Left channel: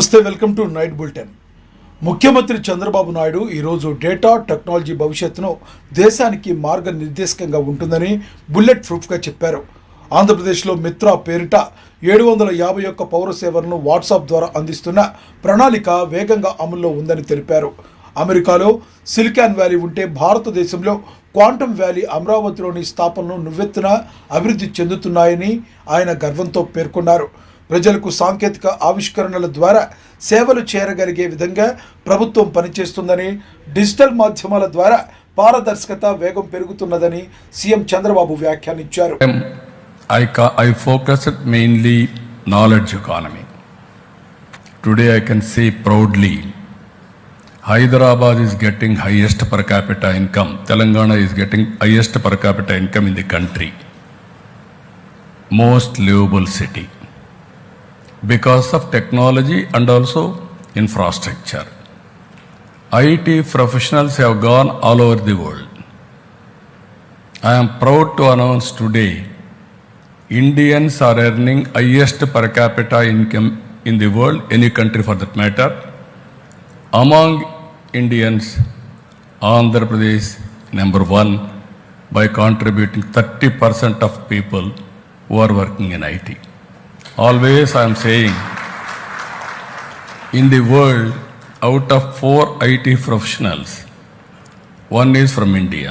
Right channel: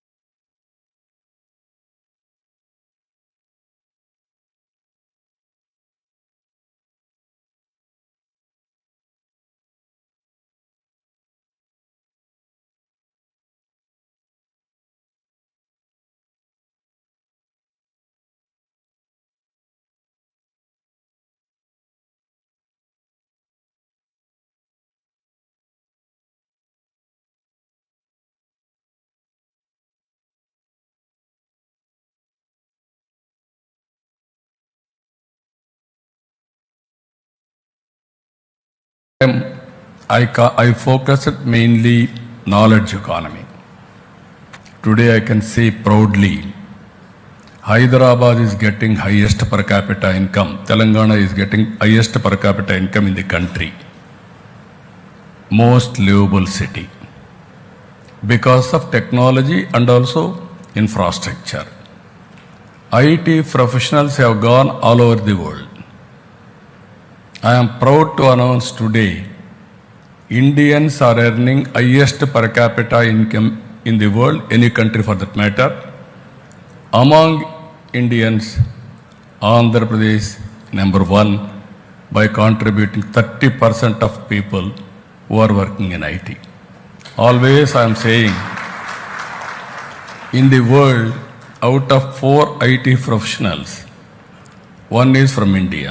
నమస్తే, welcome to night bulletin. ముఖ్యమంత్రి చంద్రబాబు నాయుడు ఈరోజు డేటా టెక్నాలజీ భవిష్యత్తును దేశానికి మార్గనిర్దేశకంగా ఉంటుందని బుల్లెట్ ప్రూఫ్గా చెప్పారు. ఆంధ్రప్రదేశ్లో మిత్ర పేరిట 751 పౌర సేవలను వాట్సాప్ ద్వారా అందిస్తున్న ప్రణాళిక వేగంగా అమల్లో ఉందని తెలిపారు. అమెరికాలో సిలికాన్ వ్యాలీ ఉంటే భారతదేశంలో క్వాంటమ్ వ్యాలీ అమరావతిలోని స్థాపనలు నువ్వెత్తున అభివృద్ధి చెందుతున్నాయని ఆయన గర్వంతో పేర్కొన్నారు. ప్రజలకు సాంకేతిక ఆవిష్కరణల ద్వారా సేవలు చేరగలిగే విధంగా ప్రభుత్వం పనిచేస్తుందని, డిజిటల్ మాధ్యమాల ద్వారా పారదర్శకత వేగం పెరుగుతున్నదని సీఎం చంద్రబాబు వ్యాఖ్యానించారు. I focused mainly knowledge economy. Today I can say proudly, Hyderabad is getting highest per capita income. Telangana is getting highest per capita income in the country. Most livable city. Because of technology and also infrastructure. IT professionals have gone all over the world. I am proud to announce today, Indians are earning highest per capita income in the world, any country for that matter. Among Indians, Andhra Pradesh number 1 by contributing 30% of people who are working in IT. Always I am saying, in the world, out of 4 IT professionals, 1 is from India.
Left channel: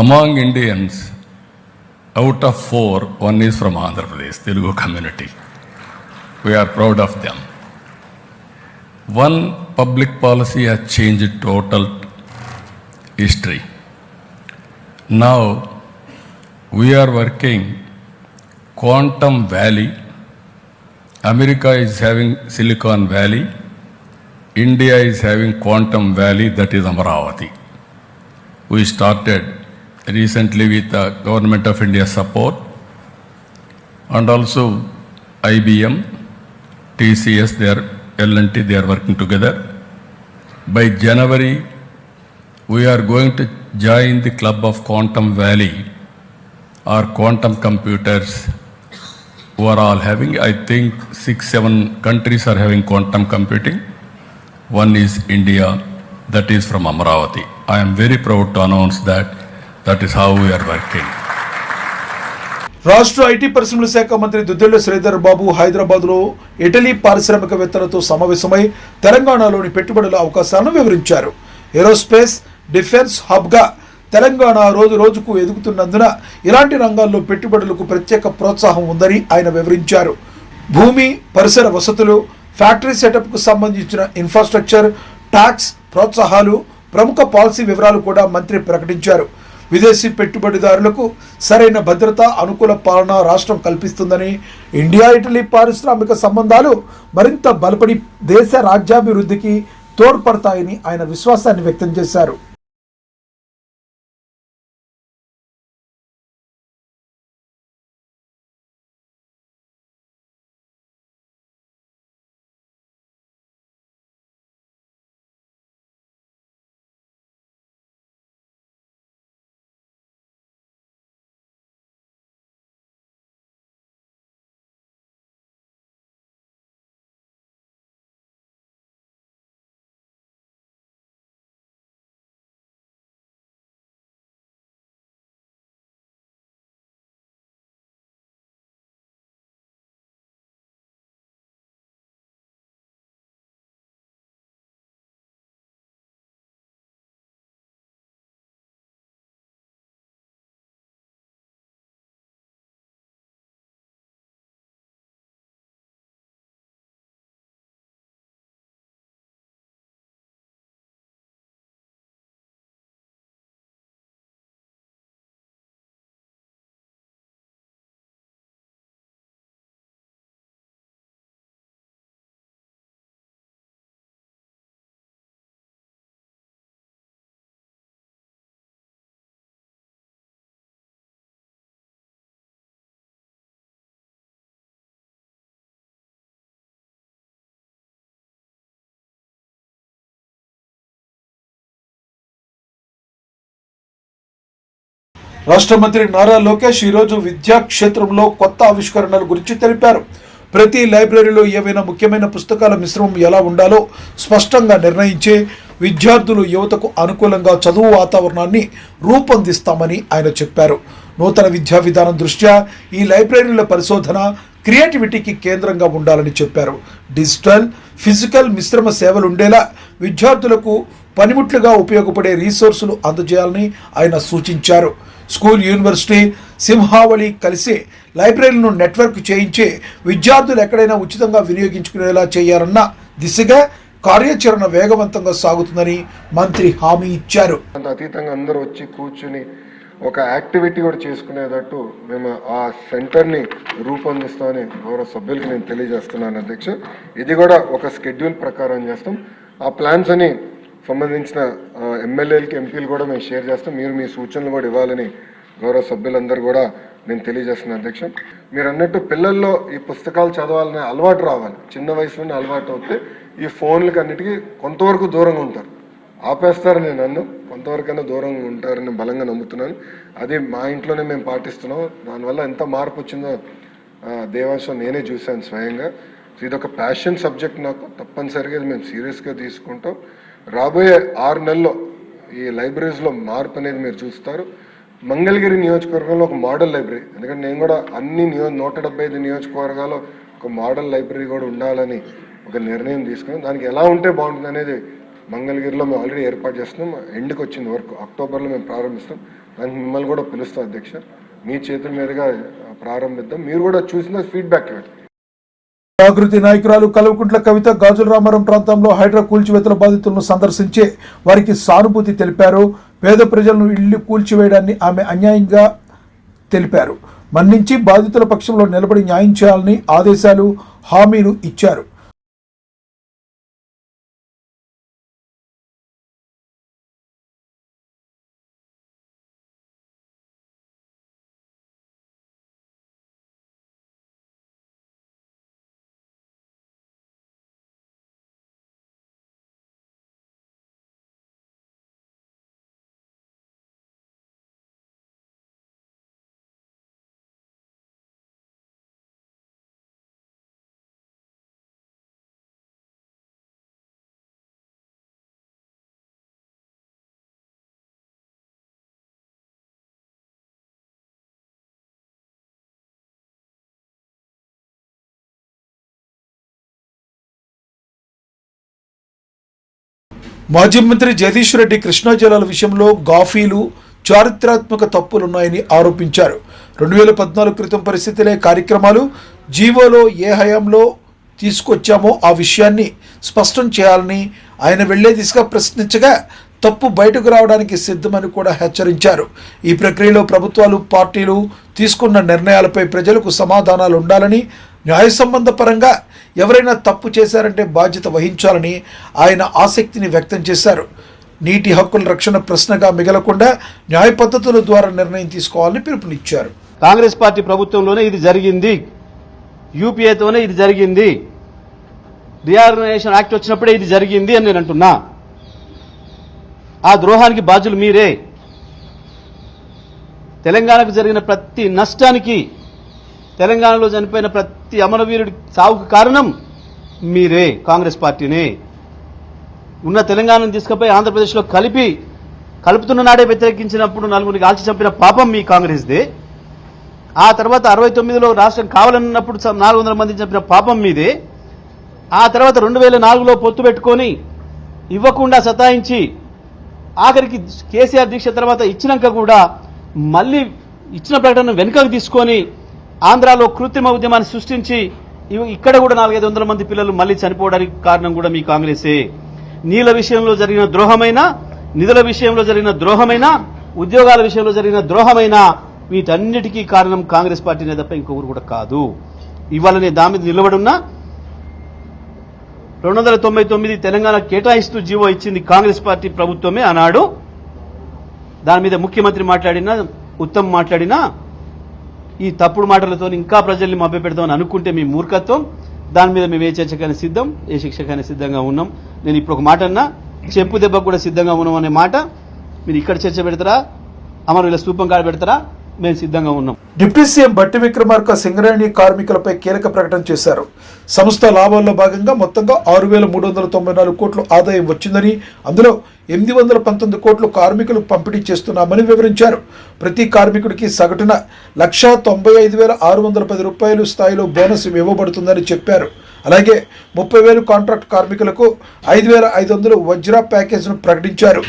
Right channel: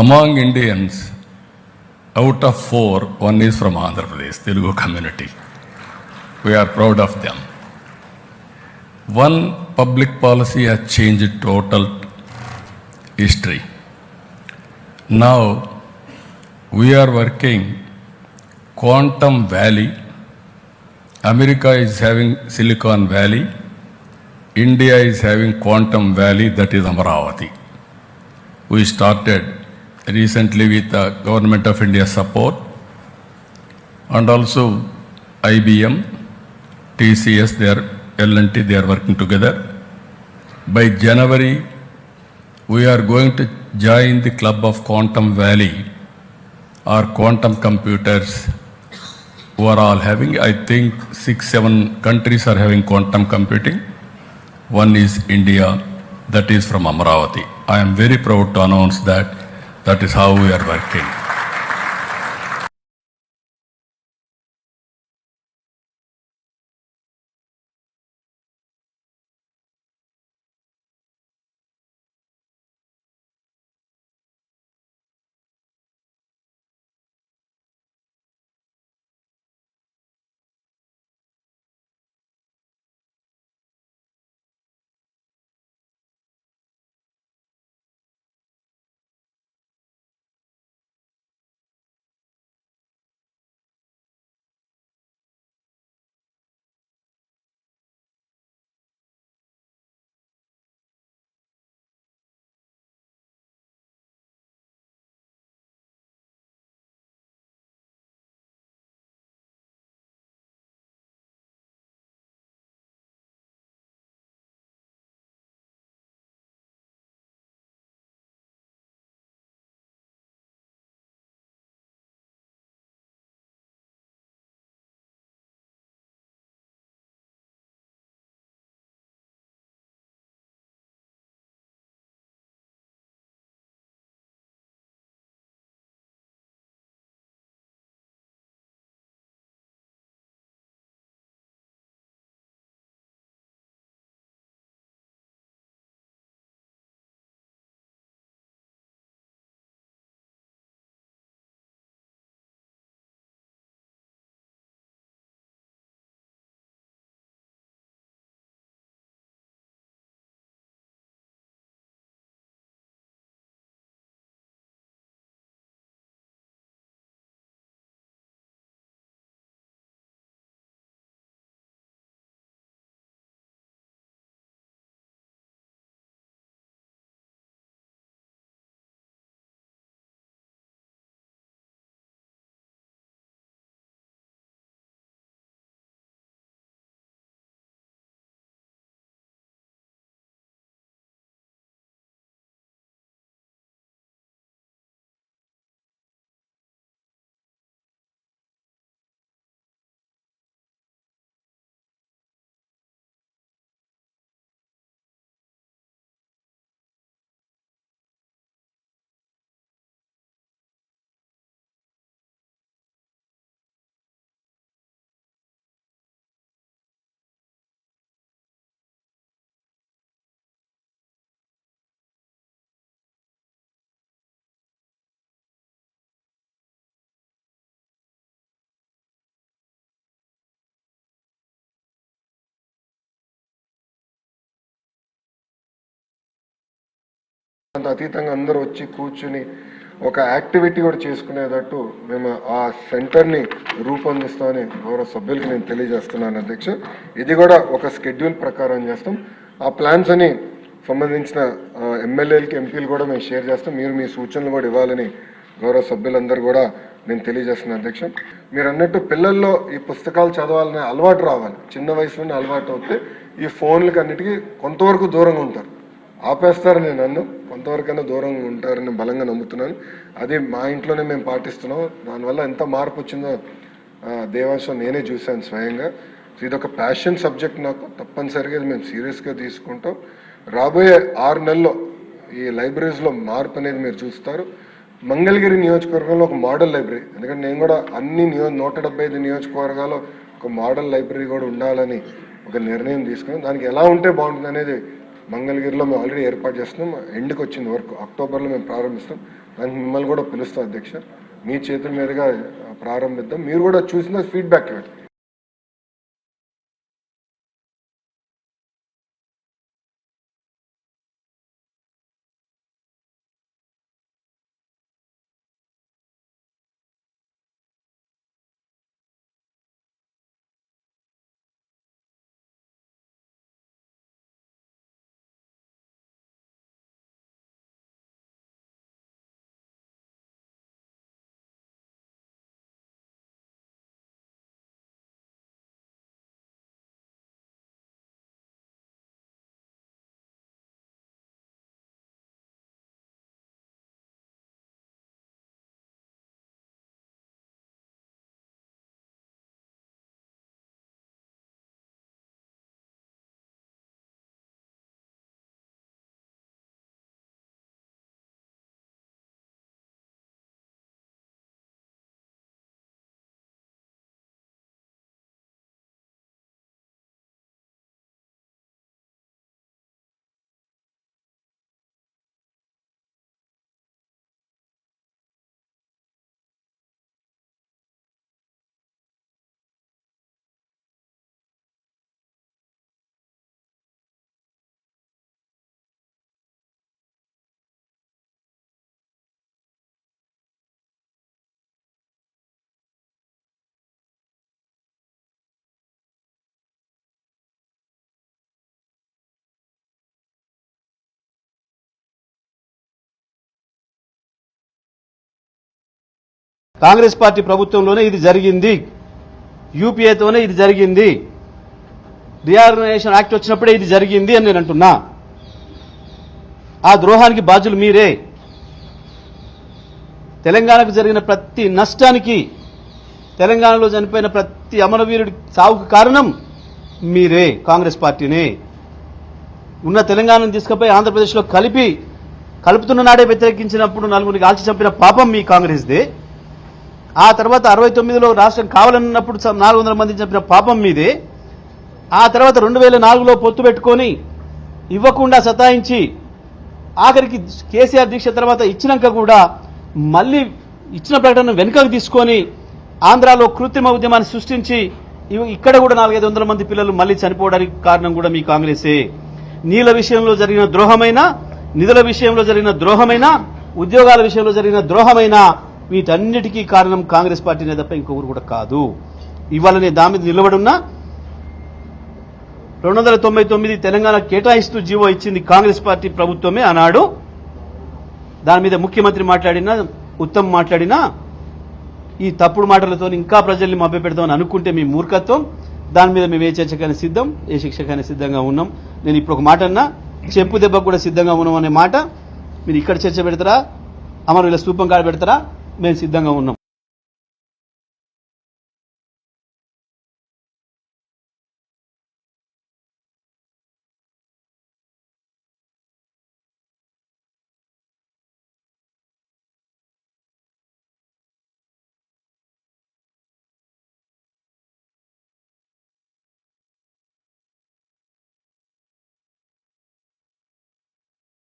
Among Indians, out of 4, 1 is from Andhra Pradesh, Telugu community. We are proud of them. One public policy has changed total history. Now, we are working Quantum Valley. America is having Silicon Valley. India is having Quantum Valley, that is Amaravati. We started recently with the Government of India support and also IBM, TCS, L&T, they are working together. By January, we are going to join the club of Quantum Valley or quantum computers who are all having, I think 6-7 countries are having quantum computing. One is India, that is from Amaravati. I am very proud to announce that is how we are working. రాష్ట్ర IT పరిశ్రమల శాఖ మంత్రి దుద్దిళ్ల శ్రీధర్ బాబు హైదరాబాద్లో Italy పారిశ్రామికవేత్తలతో సమావేశమై తెలంగాణలోని పెట్టుబడుల అవకాశాలను వివరించారు. ఏరోస్పేస్, డిఫెన్స్ హబ్గా తెలంగాణ రోజు రోజుకు ఎదుగుతున్నందున ఇలాంటి రంగాల్లో పెట్టుబడులకు ప్రత్యేక ప్రోత్సాహం ఉందని ఆయన వివరించారు. భూమి, పరిసర వసతులు, ఫ్యాక్టరీ సెటప్కు సంబంధించిన ఇన్ఫ్రాస్ట్రక్చర్, ట్యాక్స్ ప్రోత్సాహాలు, ప్రముఖ పాలసీ వివరాలు కూడా మంత్రి ప్రకటించారు. విదేశీ పెట్టుబడిదారులకు సరైన భద్రత, అనుకూల పాలన రాష్ట్రం కల్పిస్తుందని, ఇండియా ఇటలీ పారిశ్రామిక సంబంధాలు మరింత బలపడి దేశ రాజ్యాభివృద్ధికి తోడ్పడతాయని ఆయన విశ్వాసాన్ని వ్యక్తం చేశారు. రాష్ట్ర మంత్రి నారా లోకేష్ ఈరోజు విద్యా క్షేత్రంలో కొత్త ఆవిష్కరణల గురించి తెలిపారు. ప్రతి లైబ్రరీలో ఏవైనా ముఖ్యమైన పుస్తకాల మిశ్రమం ఎలా ఉండాలో స్పష్టంగా నిర్ణయించి విద్యార్థులు యువతకు అనుకూలంగా చదువు వాతావరణాన్ని రూపొందిస్తామని ఆయన చెప్పారు. నూతన విద్యా విధానం దృష్ట్యా ఈ లైబ్రరీల పరిశోధన క్రియేటివిటీకి కేంద్రంగా ఉండాలని చెప్పారు. డిజిటల్, ఫిజికల్ మిశ్రమ సేవలు ఉండేలా విద్యార్థులకు పనిముట్లుగా ఉపయోగపడే రీసోర్సులు అందజేయాలని ఆయన సూచించారు. స్కూల్, యూనివర్సిటీ, సింహావళి కలిసి లైబ్రరీలను నెట్వర్క్ చేయించి విద్యార్థులు ఎక్కడైనా ఉచితంగా వినియోగించుకునేలా చేయాలన్న దిశగా కార్యాచరణ వేగవంతంగా సాగుతుందని మంత్రి హామీ ఇచ్చారు. అతీతంగా అందరూ వచ్చి కూర్చుని ఒక యాక్టివిటీ కూడా చేసుకునేటట్టు మేము ఆ సెంటర్ని రూపొందిస్తామని గౌరవ సభ్యులకి నేను తెలియజేస్తున్నాను అధ్యక్ష. ఇది కూడా ఒక స్కెడ్యూల్ ప్రకారం చేస్తాం. ఆ ప్లాన్స్ అని సంబంధించిన ఎమ్మెల్యేలకి, ఎంపీలు కూడా మేము షేర్ చేస్తాం. మీరు మీ సూచనలు కూడా ఇవ్వాలని గౌరవ సభ్యులందరూ కూడా నేను తెలియజేస్తున్నాను అధ్యక్ష. మీరు అన్నట్టు పిల్లల్లో ఈ పుస్తకాలు చదవాలనే అలవాటు రావాలి. చిన్న వయసులోనే అలవాటు అవుతే ఈ ఫోన్లకి అన్నిటికీ కొంతవరకు దూరంగా ఉంటారు. ఆపేస్తారు నేను నన్ను, కొంతవరకైనా దూరంగా ఉంటారని బలంగా నమ్ముతున్నాను. అది మా ఇంట్లోనే మేము పాటిస్తున్నాం. దానివల్ల ఎంత మార్పు వచ్చిందో దేవాంశం నేనే చూశాను స్వయంగా. ఇది ఒక ప్యాషన్ సబ్జెక్ట్ నాకు. తప్పనిసరిగా ఇది మేము సీరియస్గా తీసుకుంటాం. రాబోయే 6 నెలల్లో ఈ లైబ్రరీస్లో మార్పు అనేది మీరు చూస్తారు. మంగళగిరి నియోజకవర్గంలో ఒక మోడల్ లైబ్రరీ, ఎందుకంటే నేను కూడా అన్ని 175 నియోజకవర్గాల్లో ఒక మోడల్ లైబ్రరీ కూడా ఉండాలని ఒక నిర్ణయం తీసుకున్నాం. దానికి ఎలా ఉంటే బాగుంటుంది అనేది మంగళగిరిలో మేము ఆల్రెడీ ఏర్పాటు చేస్తున్నాం. ఎండ్కి వచ్చింది వర్క్, అక్టోబర్లో మేము ప్రారంభిస్తాం. దానికి మిమ్మల్ని కూడా పిలుస్తాం అధ్యక్ష. మీ చేతుల మీదుగా ప్రారంభిద్దాం. మీరు కూడా చూసిన ఫీడ్బ్యాక్ ఇవ్వండి. జాగృతి నాయకురాలు కల్వకుంట్ల కవిత గాజుల రామారం ప్రాంతంలో హైడ్రా కూల్చివేతల బాధితులను సందర్శించి వారికి సానుభూతి తెలిపారు. పేద ప్రజలను ఇళ్లు కూల్చివేయడాన్ని ఆమె అన్యాయంగా తెలిపారు. మన్నించి బాధితుల పక్షంలో నిలబడి న్యాయం చేయాలని ఆదేశాలు, హామీలు ఇచ్చారు. మాజీ మంత్రి జగదీష్ రెడ్డి కృష్ణా జలాల విషయంలో గాఫీలు, చారిత్రాత్మక తప్పులున్నాయని ఆరోపించారు. 2014 క్రితం పరిస్థితులే కార్యక్రమాలు జీవోలో ఏ హయాంలో తీసుకొచ్చామో ఆ విషయాన్ని స్పష్టం చేయాలని ఆయన వెళ్లే దిశగా ప్రశ్నించగా తప్పు బయటకు రావడానికి సిద్ధమని కూడా హెచ్చరించారు. ఈ ప్రక్రియలో ప్రభుత్వాలు, పార్టీలు తీసుకున్న నిర్ణయాలపై ప్రజలకు సమాధానాలు ఉండాలని, న్యాయ సంబంధ పరంగా ఎవరైనా తప్పు చేశారంటే బాధ్యత వహించాలని ఆయన ఆసక్తిని వ్యక్తం చేశారు. నీటి హక్కుల రక్షణ ప్రశ్నగా మిగలకుండా న్యాయ పద్ధతుల ద్వారా నిర్ణయం తీసుకోవాలని పిలుపునిచ్చారు. కాంగ్రెస్ పార్టీ ప్రభుత్వంలోనే ఇది జరిగింది, యూపీఏతోనే ఇది జరిగింది, రీఆర్గనైజేషన్ యాక్ట్ వచ్చినప్పుడే ఇది జరిగింది అని నేను అంటున్నా. ఆ ద్రోహానికి బాధ్యులు మీరే. తెలంగాణకు జరిగిన ప్రతి నష్టానికి, తెలంగాణలో చనిపోయిన ప్రతి అమరవీరుడి సావుకు కారణం మీరే, కాంగ్రెస్ పార్టీనే. ఉన్న తెలంగాణను తీసుకుపోయి ఆంధ్రప్రదేశ్లో కలుపుతున్న నాడే వ్యతిరేకించినప్పుడు 4 కాల్చి చంపిన పాపం మీ కాంగ్రెస్దే. ఆ తర్వాత 69లో రాష్ట్రం కావాలన్నప్పుడు 400 మంది చంపిన పాపం మీదే. ఆ తర్వాత 2004లో పొత్తు పెట్టుకొని ఇవ్వకుండా సతాయించి ఆఖరికి కేసీఆర్ దీక్ష తర్వాత ఇచ్చినాక కూడా మళ్ళీ ఇచ్చిన ప్రకటన వెనుకకు తీసుకొని ఆంధ్రాలో కృత్రిమ ఉద్యమాన్ని సృష్టించి ఇక్కడ కూడా 400-500 మంది పిల్లలు మళ్ళీ చనిపోవడానికి కారణం కూడా మీ కాంగ్రెసే. నీళ్ల విషయంలో జరిగిన ద్రోహమైనా, నిధుల విషయంలో జరిగిన ద్రోహమైనా, ఉద్యోగాల విషయంలో జరిగిన ద్రోహమైనా వీటన్నిటికీ కారణం కాంగ్రెస్ పార్టీనే తప్ప ఇంకొకరు కూడా కాదు. ఇవాళ నేను దాని మీద నిలబడున్నా. 299 తెలంగాణ కేటాయిస్తూ జీవో ఇచ్చింది కాంగ్రెస్ పార్టీ ప్రభుత్వమే అన్నాడు. దాని మీద ముఖ్యమంత్రి మాట్లాడినా, ఉత్తమ్ మాట్లాడినా ఈ తప్పుడు మాటలతో ఇంకా ప్రజల్ని మభ్యపెడతామని అనుకుంటే మీ మూర్ఖత్వం. దాని మీద మేము ఏ చర్చకైనా సిద్ధం, ఏ శిక్షకైనా సిద్ధంగా ఉన్నాం. నేను ఇప్పుడు ఒక మాట అన్నా, చెప్పు దెబ్బకు కూడా సిద్ధంగా ఉన్నాం అనే మాట మీరు ఇక్కడ చర్చ పెడతారా, అమరుల స్తూపం కాడ పెడతారా, మేము సిద్ధంగా ఉన్నాం. డిప్యూటీ సీఎం బట్టి విక్రమార్క సింగరేణి కార్మికులపై కీలక ప్రకటన చేశారు. సంస్థ లాభాల్లో భాగంగా మొత్తంగా 6,394 కోట్లు ఆదాయం వచ్చిందని, అందులో 819 కోట్లు కార్మికులు పంపిణీ చేస్తున్నామని వివరించారు. ప్రతి కార్మికుడికి సగటున 1,95,610 రూపాయలు స్థాయిలో బోనస్ ఇవ్వబడుతుందని చెప్పారు. అలాగే 30,000 కాంట్రాక్ట్ కార్మికులకు 5,500 వజ్ర ప్యాకేజ్ను ప్రకటించారు.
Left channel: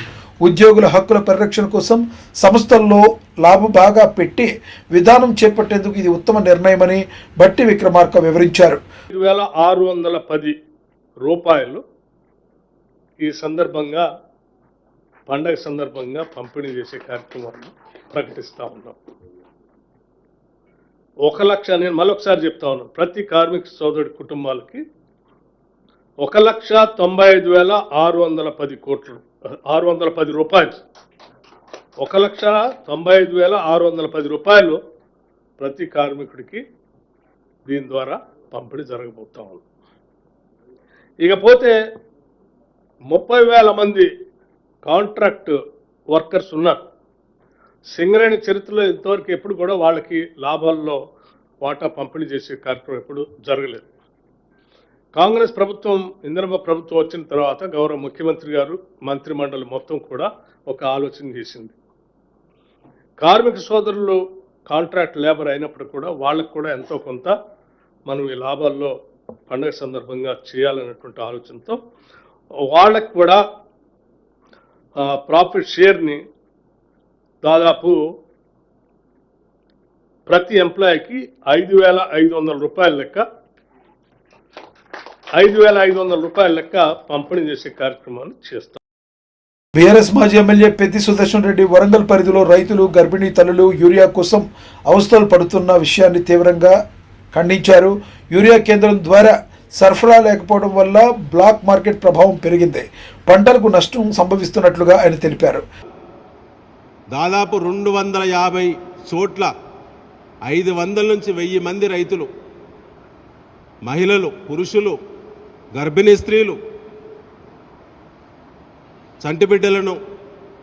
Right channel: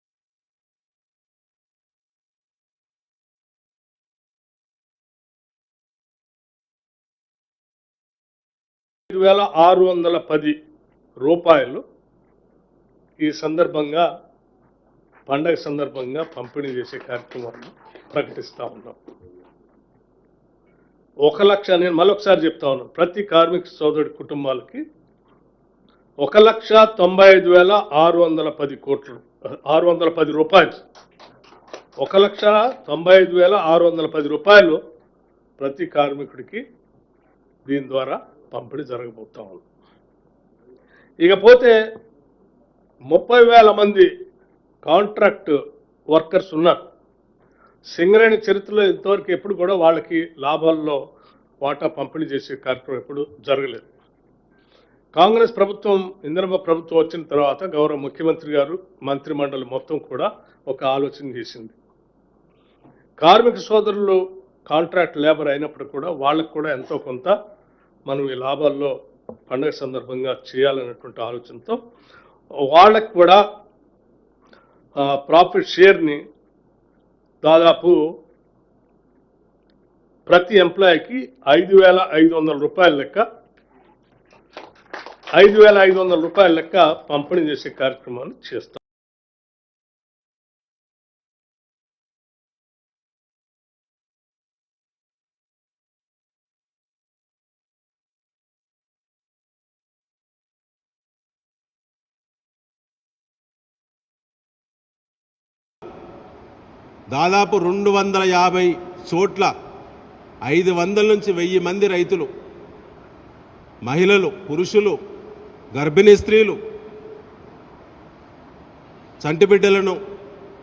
ఉద్యోగుల హక్కుల పరిరక్షణ కోసం సంస్థల్లో లాభ బాగా పెట్టి విధానం చేపట్టేందుకు ఇది ఉత్తమ నిర్ణయమని బట్టి విక్రమార్క వివరించారు. 5,610 రూపాయలు ఈ సందర్భంగా పండగ సందర్భంగా పంపిణీ చేసే కార్యక్రమాన్ని ప్రకటిస్తూ ఉన్నాం. 1 లక్ష, నేను మరొకసారి చెప్తా ఉన్నాను, ప్రతి కార్మిక సోదరుడి కుటుంబాలకి 1,95,610 కోట్లు, 610 రూపాయలు, 1,95,610 రూపాయలు ప్రతి కార్మికుడికి దీని ద్వారా పంపిణీ జరగబోతా ఉంది. ఇకపోతే 30,000 మంది కాంట్రాక్ట్ వర్కర్స్ ఉన్నారు. సింగరేణి చరిత్రలో ఇంతవరకు ఎప్పుడు కూడా వాళ్ళకి లాభాల్లో వాటా పంపిణీ చేసే కార్యక్రమం ఎప్పుడు జరగలేదు. కాంగ్రెస్ ప్రభుత్వం, ఇందిరమ్మ ప్రభుత్వం వచ్చిన తర్వాత గౌరవ ముఖ్యమంత్రి గారు, మంత్రి మండలి మొత్తం కూడా ఒక ఆలోచన చేసింది. కార్మిక సోదరులు కాంట్రాక్ట్ లేబర్ అయినప్పుడు కూడా వాళ్ళకు కూడా ఎంతో కొంత మనం ఈ లాభాల్లో పండుగ సందర్భంగా చేయాలనేటువంటి ఆలోచనతో వాళ్ళకు కూడా ప్రాఫిట్ షేర్ని దాదాపు ప్రతి ఎంప్లాయీకి 5,500 రూపాయల లెక్క 5,500 రూపాయల లెక్క పంపిణీ చేసే కార్యక్రమాన్ని చేస్తాం. బీఆర్ఎస్ మాజీ ఎమ్మెల్యే పెద్ది సుదర్శన్ రెడ్డి వరంగల్ పరిధిలో రైతులు, గర్భిణీ తల్లులు యూరియా కోసం అవస్థలు పడుతున్న విషయాన్ని తీవ్రంగా ఖండించారు. యూరియా కేంద్రం ద్వారా సరఫరా లేకపోవడం వల్ల బ్లాక్ మార్కెట్ ప్రభావం పెరిగింది, పంటలకు నష్టం సంభవిస్తున్నట్లుగా ఆయన తెలిపారు. దాదాపు 250 చోట్ల 500 నుంచి 1000 మంది రైతులు, మహిళలు, పురుషులు, గర్భిణీ స్త్రీలు చంటి బిడ్డలను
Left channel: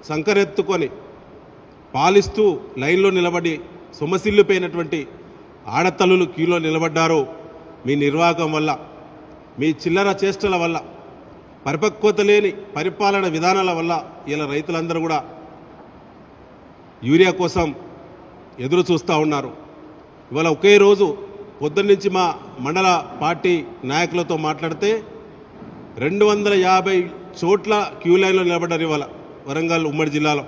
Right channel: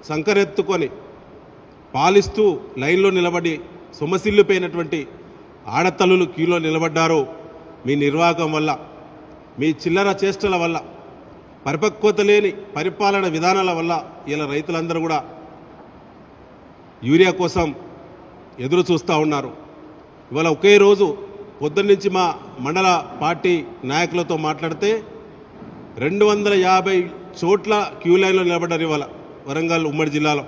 సంకరెత్తుకొని పాలిస్తూ లైన్లో నిలబడి సొమసిల్లిపోయినటువంటి ఆడతల్లులు క్యూలో నిలబడ్డారు. మీ నిర్వాహకం వల్ల, మీ చిల్లర చేష్టల వల్ల, పరిపక్వత లేని పరిపాలన విధానాల వల్ల ఇలా రైతులందరూ కూడా యూరియా కోసం ఎదురు చూస్తూ ఉన్నారు. ఇవాళ ఒకే రోజు పొద్దున్నుంచి మా మండల పార్టీ నాయకులతో మాట్లాడితే 250 చోట్ల క్యూ లైన్లో నిలబడ్డారు. ఇవాళ వరంగల్ ఉమ్మడి జిల్లాలో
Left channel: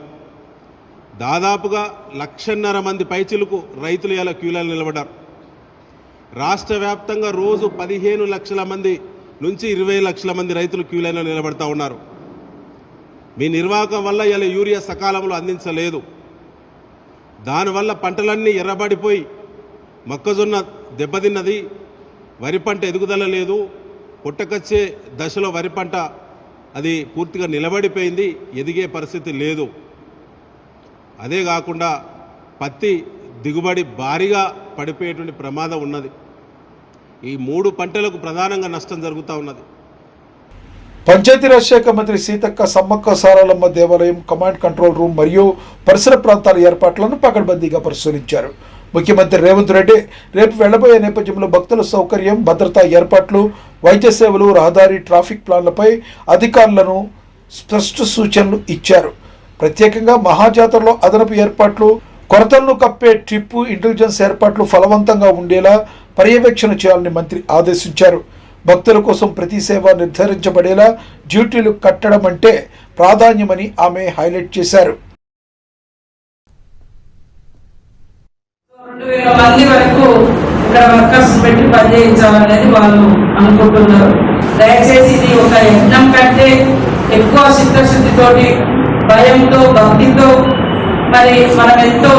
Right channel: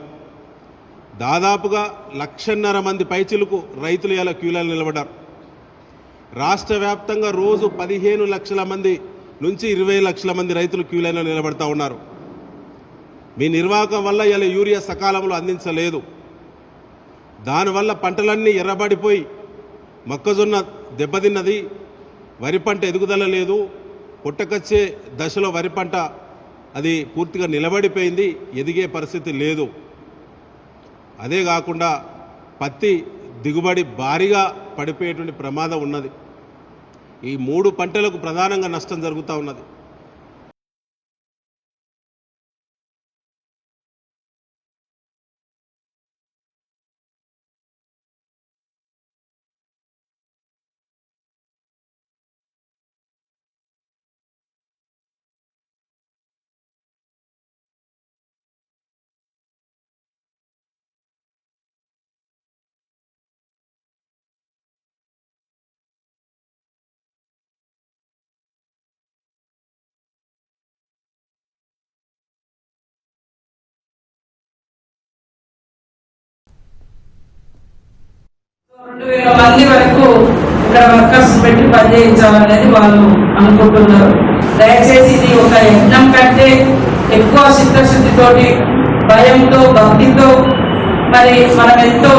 దాదాపుగా 1,50,000 మంది పైచిలకు రైతులు ఇలా క్యూ లైన్లో నిలబడ్డారు. రాష్ట్ర వ్యాప్తంగా రోజు 15 లక్షల మంది నుంచి 20 లక్షల మంది రైతులు క్యూ లైన్లో నిలబడతా ఉన్నారు. మీ నిర్వాహకం వల్ల ఇలా యూరియా సకాలంలో అందించలేదు. దానివల్ల పంటలన్నీ ఎర్రబడిపోయి మొక్కజొన్న దెబ్బతిన్నది, వరి పంట ఎదుగుదల లేదు, పుట్టకొచ్చే దశలో వరి పంట అది పూర్తిగా నిలబడిపోయింది, ఎదిగే పరిస్థితి లేదు. అదే కాకుండా పత్తి దిగుబడి భారీగా పడిపోయేటువంటి ప్రమాదం ఉన్నది. ఈ 3 పంటలకు ప్రధానంగా నష్టం జరుగుతూ ఉన్నది. పంచాయతీరాజ్ శాఖ మంత్రి సీతక్క సమ్మక్క సారాలమ్మ దేవాలయం కమాండ్ కంట్రోల్ రూమ్ మరియు పరిసర ప్రాంతాల ఏర్పాట్లను పకడ్బందీగా పరిశీలించారు. ముఖ్యమంత్రి రేవంత్ రెడ్డి రేపు వెళ్లబోయే నేపథ్యంలో భక్తుల సౌకర్యం, భద్రతా ఏర్పాట్లు, వైద్య సేవలు, రహదారి, ట్రాఫిక్ ప్లాన్లపై అధికారులను స్పష్ట సూచనలు ఇచ్చారు. ప్రత్యేకంగా మహాజాతరలో అదనపు ఏర్పాట్లు, కొరతలను కప్పే ట్రిప్పు ఇంటెలిజెన్స్ ఏర్పాట్లు ఫలవంతంగా ఉండేలా పర్యవేక్షణ చేయాలని మంత్రి ఆదేశించారు. భక్తుల కోసం ప్రతి సేవ నిర్ధారించబడేలా డ్యూటీలు కట్టడం అంటే ప్రాధాన్యమని ఆమె హైలైట్ చేశారు. 2,000 మంది వరకు ఇక్కడ వర్కర్స్ పెట్టి పనిచేయించాలనేది వాళ్ళు అనుకుంటున్నారు. దయచేసి ఇది ఒక యజ్ఞం కంటే ఎక్కువ చిత్తశుద్ధితోటి, భయంతో, భక్తితో, మరి మనం ఎంతో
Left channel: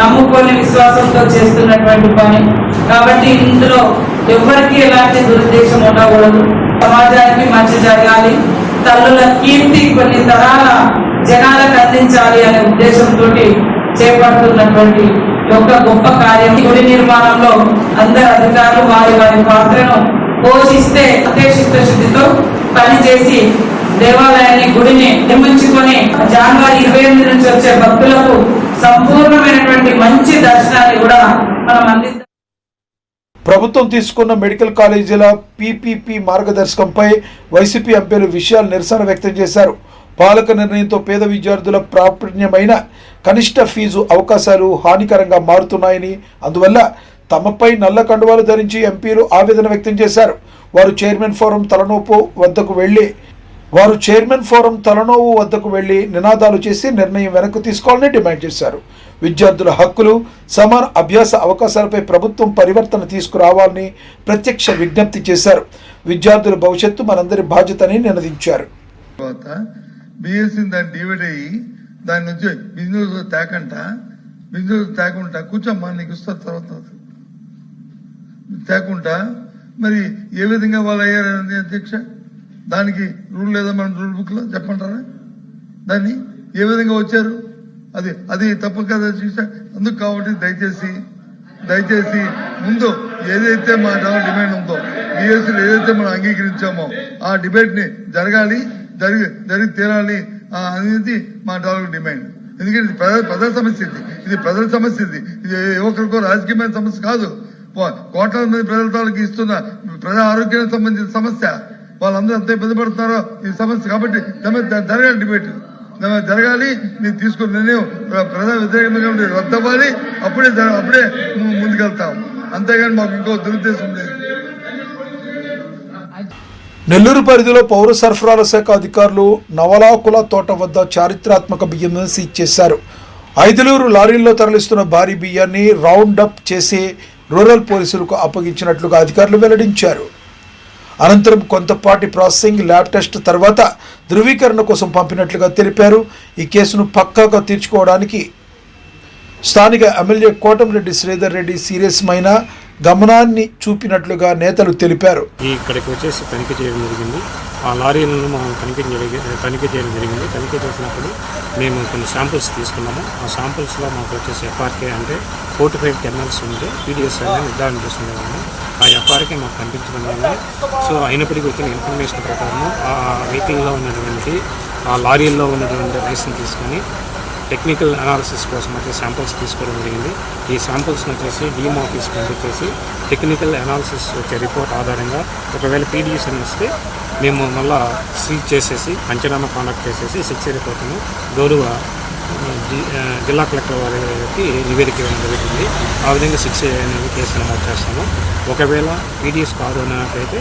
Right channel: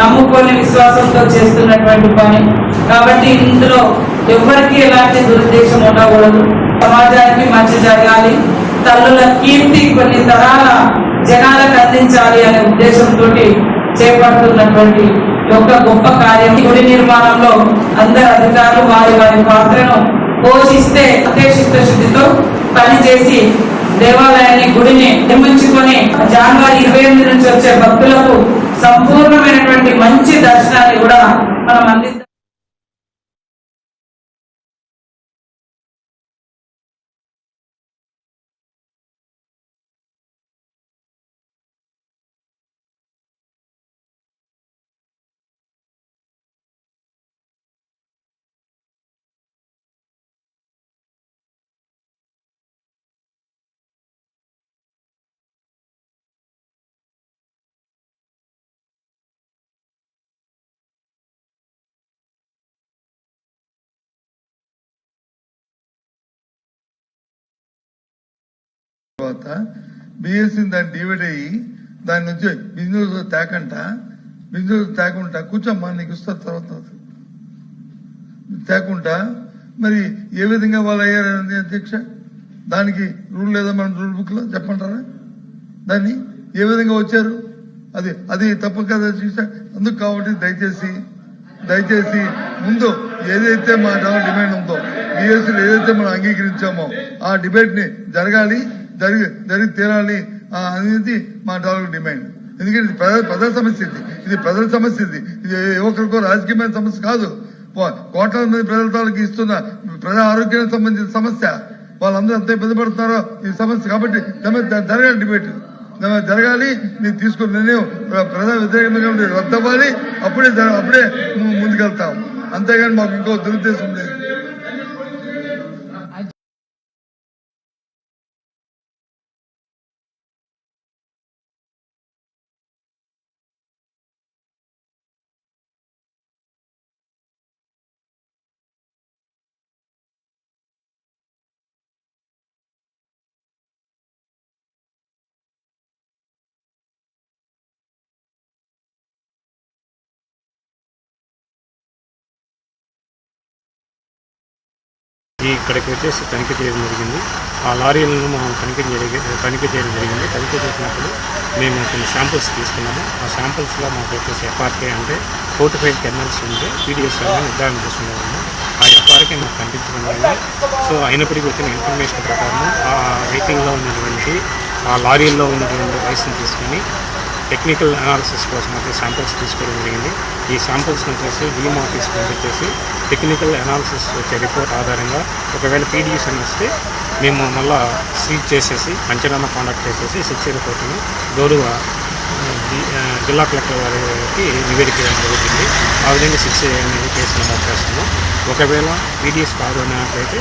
నమ్ముకొని విశ్వాసంతో చేస్తున్నటువంటి పని కాబట్టి ఇందులో ఎవరికి ఎలాంటి దురుద్దేశం ఉండకూడదు. సమాజానికి మంచి జరగాలి, తల్లుల కీర్తి కొన్ని తరాల జనాలకు అందించాలి అనే ఉద్దేశంతో చేపడుతున్నటువంటి ఒక గొప్ప కార్యం. గుడి నిర్మాణంలో అందరు అధికారులు వారి వారి పాత్రను పోషిస్తే అదే చిత్తశుద్ధితో పనిచేసి దేవాలయాన్ని, గుడిని నిర్మించుకొని జనవరి 28 నుంచి వచ్చే భక్తులకు సంపూర్ణమైనటువంటి మంచి దర్శనాన్ని కూడా మనం అందిద్దాం. ప్రభుత్వం తీసుకున్న మెడికల్ కాలేజీల పీపీపీ మార్గదర్శకంపై వైసీపీ ఎంపీలు విషయాలు నిరసన వ్యక్తం చేశారు. పాలక నిర్ణయంతో పేద విద్యార్థుల ప్రాప్యమైన కనిష్ట ఫీజు అవకాశాలు హానికరంగా మారుతున్నాయని, అందువల్ల తమపై నల్ల కండువాలు ధరించి ఎంపీలు ఆవేదన వ్యక్తం చేశారు. వారు చైర్మన్ ఫోరం తలనోవు వద్దకు వెళ్లి నినాదాలు చేసి నిర్ణయం వెనక్కు తీసుకోవాలని డిమాండ్ చేశారు. విద్యార్థుల హక్కులు, సమాన అభ్యాస అవకాశాలపై ప్రభుత్వం పరివర్తన తీసుకురావాలని ప్రత్యక్ష విజ్ఞప్తి చేశారు. విద్యార్థుల భవిష్యత్తు మనందరి బాధ్యతని నినదించారు. బిఎస్సీ దాన్ని డివైడ్ అయ్యి దాని నుంచి బిజినెస్ తేకుండా కూర్చోమ్మా నీకు ఇస్తా తర్వాత తేకుండా మరి ఏ విధంగా వాళ్ళు అయ్యారని అధ్యక్ష, దానికి రూల్ లేదా మన రూల్ బుక్ లో చెప్పంటారా? దాన్ని ఏ విధంగా వచ్చారు? అది తప్పు కదా చూసా. అందుకు కాబట్టి దయచేసి ముందు ఏదైతే మా డిమాండ్ ఉందో, బిఎస్సీలో ఏదైతే మనం అంగీకరించామో ఆ డిబేట్ ని జరిగి తీరాలి అనేది మా డాలర్ డిమాండ్. ఎందుకంటే ఇది ప్రజల సమస్య, ఇది ప్రజల సమస్య, ఇది యువకులకు రాజకీయమైన సమస్య కాదు. కోట్లాది మంది ప్రజల తాలూకు ఇస్తున్న ప్రజా ఆరోగ్యానికి సంబంధించిన సమస్య. వాళ్ళందరూ ఎంత ఇబ్బంది పడుతున్నారో ఈ సమస్య. కాబట్టి జరగాలి, డిబేట్ జరగాలి. మీరు తీసుకున్న నిర్ణయం ప్రజా వ్యతిరేకంగా రద్దవ్వాలి. అప్పుడే ముందుకెళ్తాం. అంతేగాని మాకు ఇంకో దురుద్దేశం లేదు. నెల్లూరు పరిధిలో పౌర సరఫరాల శాఖ అధికారులు నవలాకుల తోట వద్ద చారిత్రాత్మక బియ్యం సీజ్ చేశారు. 5 లారీల్లో తరలిస్తున్న భారీ బియ్యాన్ని రౌండ్ అప్ చేసి రూరల్ పోలీసులకు అప్పగించినట్లుగా అధికారులు వెల్లడించారు. అనంతరం కొంతపాటి ప్రాసెసింగ్, ల్యాబ్ టెస్ట్ తర్వాత ధృవీకరణ కోసం పంపినట్లుగా తెలిపారు. ఈ కేసును పక్కాగా తీర్చుకోవడానికి స్థానిక ఎమ్మెల్యే కోటంరెడ్డి శ్రీధర్ రెడ్డి సీరియస్మైన గమనాన్ని చూపినట్లుగా నేతలు తెలిపారు. ఇక్కడికి వచ్చేసి తనిఖీ చేయడం జరిగింది. ఆ లారీలను మనం తనిఖీ చేయడం జరిగింది. తనిఖీ చేసినప్పుడు మేము కొన్ని శాంపుల్స్ తీసుకున్నాము. ఆ శాంపుల్స్లో మాకు వచ్చేసి ఎఫ్ఆర్కే అంటే 45 కెర్నల్స్ ఉంటే పీడిఎస్ అనేది నిర్ధారణ చేసుకునేవాము. ఆ ఎఫ్ఆర్కే మాకు కనిపించడం వల్ల అయినప్పటికీ వచ్చిన ఇన్ఫర్మేషన్ ప్రకారం ఆ వెహికల్లో ఉన్నటువంటి ఆ లారీల్లో ఉన్నటువంటి రైస్ని తీసుకొని టెక్నికల్ అనాలిసిస్ కోసం అయితే శాంపుల్స్ తీసుకోవడం జరిగింది. ఈ శాంపుల్స్ని వచ్చేసి డిఎం ఆఫీస్కి పంపించేసి టెక్నికల్ అనాలిసిస్ వచ్చే రిపోర్ట్ ఆధారంగా ఒకవేళ పీడిఎస్ అని వస్తే మేము మళ్ళా సీజ్ చేసేసి పంచనామా కాండక్ట్ చేసేసి 6 రిపోర్ట్ను గౌరవ జిల్లా కలెక్టర్ వారికి నివేదించడం జరుగుతుంది. ఆ విధంగా 6 అనేది కేసు నమోదు చేస్తాము. ఒకవేళ పీడిఎస్ కాదు అన్నట్లయితే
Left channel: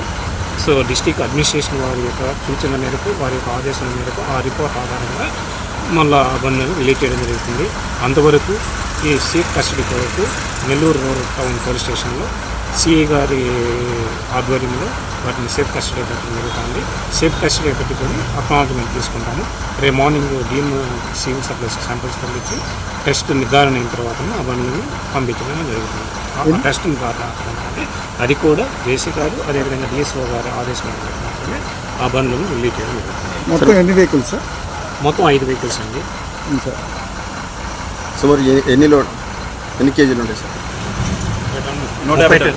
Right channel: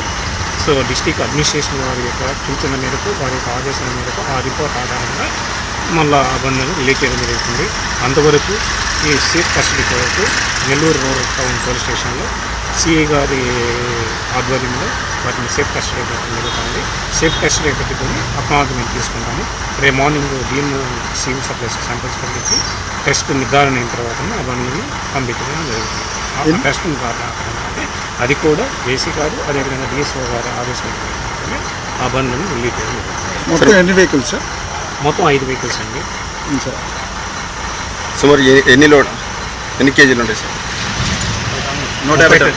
డిస్ట్రిక్ట్ అడ్మినిస్ట్రేషన్ వారి యొక్క సూచన మేరకు, వారి యొక్క ఆదేశాల మేరకు ఆ రిపోర్ట్ ఆధారంగా మళ్ళీ ఆ బండ్లను రిలీజ్ చేయడం జరుగుతుంది. అంతవరకు ఈ safe custody court Nellore rural town police స్టేషన్లో సిఐ గారి ఆధ్వర్యంలో వాటిని సేఫ్ కస్టడీ పెట్టడం జరుగుతుంది. సేఫ్ కస్టడీ పెట్టుకొని అక్నాలజ్మెంట్ తీసుకుంటాము. రేపు మార్నింగ్ దీన్ని సివిల్ సప్లైస్ శాంపిల్స్ పంపించి టెస్ట్ నిర్ధారణ అయిన తర్వాత ఆ బండ్లను పంపించడం జరుగుతుంది. ఆ టెస్ట్ అది కూడా జేసీ గారు అదేవిధంగా డిఎస్ఓ గారు ఆదేశం మాత్రమే ఆ బండ్లను రిలీజ్ చేయడం జరుగుతుంది. మొత్తం ఎన్ని వెహికల్స్ సార్? మొత్తం 5 వెహికల్స్ అండి సార్. సుమారు ఎన్ని కేజీలు ఉంటాయి సార్? 150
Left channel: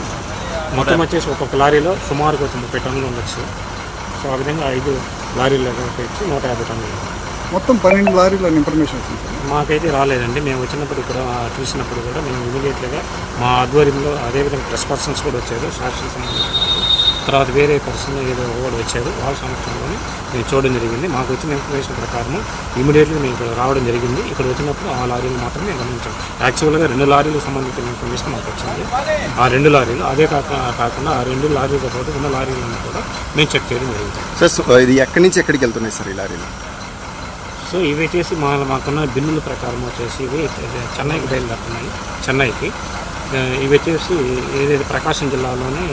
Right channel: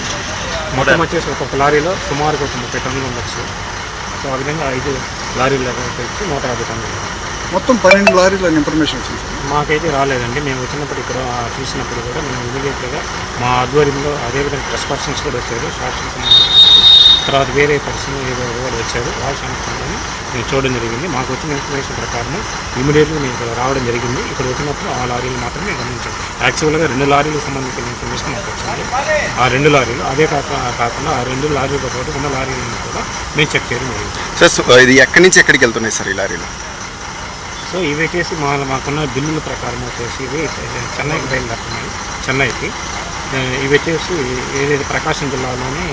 మొత్తం వచ్చేసి ఒక్కొక్క లారీలో సుమారుగా ఒక 30 టన్నులు ఉండొచ్చు. సో ఆ విధంగా 5 లారీలు ఇచ్చి 150 టన్నులు. మొత్తం 12 లారీల ఇన్ఫర్మేషన్ వచ్చింది సార్. మాకైతే రాలేదండి. మేము వచ్చినప్పుడు ఇక్కడ చూసినప్పుడు కూడా మేము ఇమీడియట్గా మా ఆధ్వర్యంలో అదేవిధంగా ప్రెస్ పర్సన్స్ కూడా వచ్చారు, సాక్షులు సంబంధించి తర్వాత వేరే పర్సన్ ఏదో కూడా వచ్చారు. వాళ్ళ సమక్షంలోనే మేము చూడడం జరిగింది. మాకు వచ్చిన ఇన్ఫర్మేషన్ ప్రకారం ఇమీడియట్గా మేము ఇక్కడ రావడం జరిగింది. ఇక్కడ వచ్చినప్పుడు ఆ లారీలు మాత్రమే గమనించాం. యాక్చువల్గా 2 లారీలకు సంబంధించిన ఇన్ఫర్మేషన్ మాకు వచ్చింది. ఆ 2 లారీలు అదే కాకుండా ఆ 2 లారీలతో పాటు ఉన్న లారీలను కూడా మేము చెక్ చేయడం జరిగింది. సార్ ఇది ఎక్కడి నుంచి ఎక్కడికి వెళ్తున్నాయి సార్ ఈ లారీలు? సో ఇవి వచ్చేసి మాకున్న బిల్లుల ప్రకారం వచ్చేసి ఇవి చెన్నైకి బయలుదేరుతున్నాయి. చెన్నైకి ఇవి వచ్చేసి ఏదైతే ప్రకాశం జిల్లాలోనే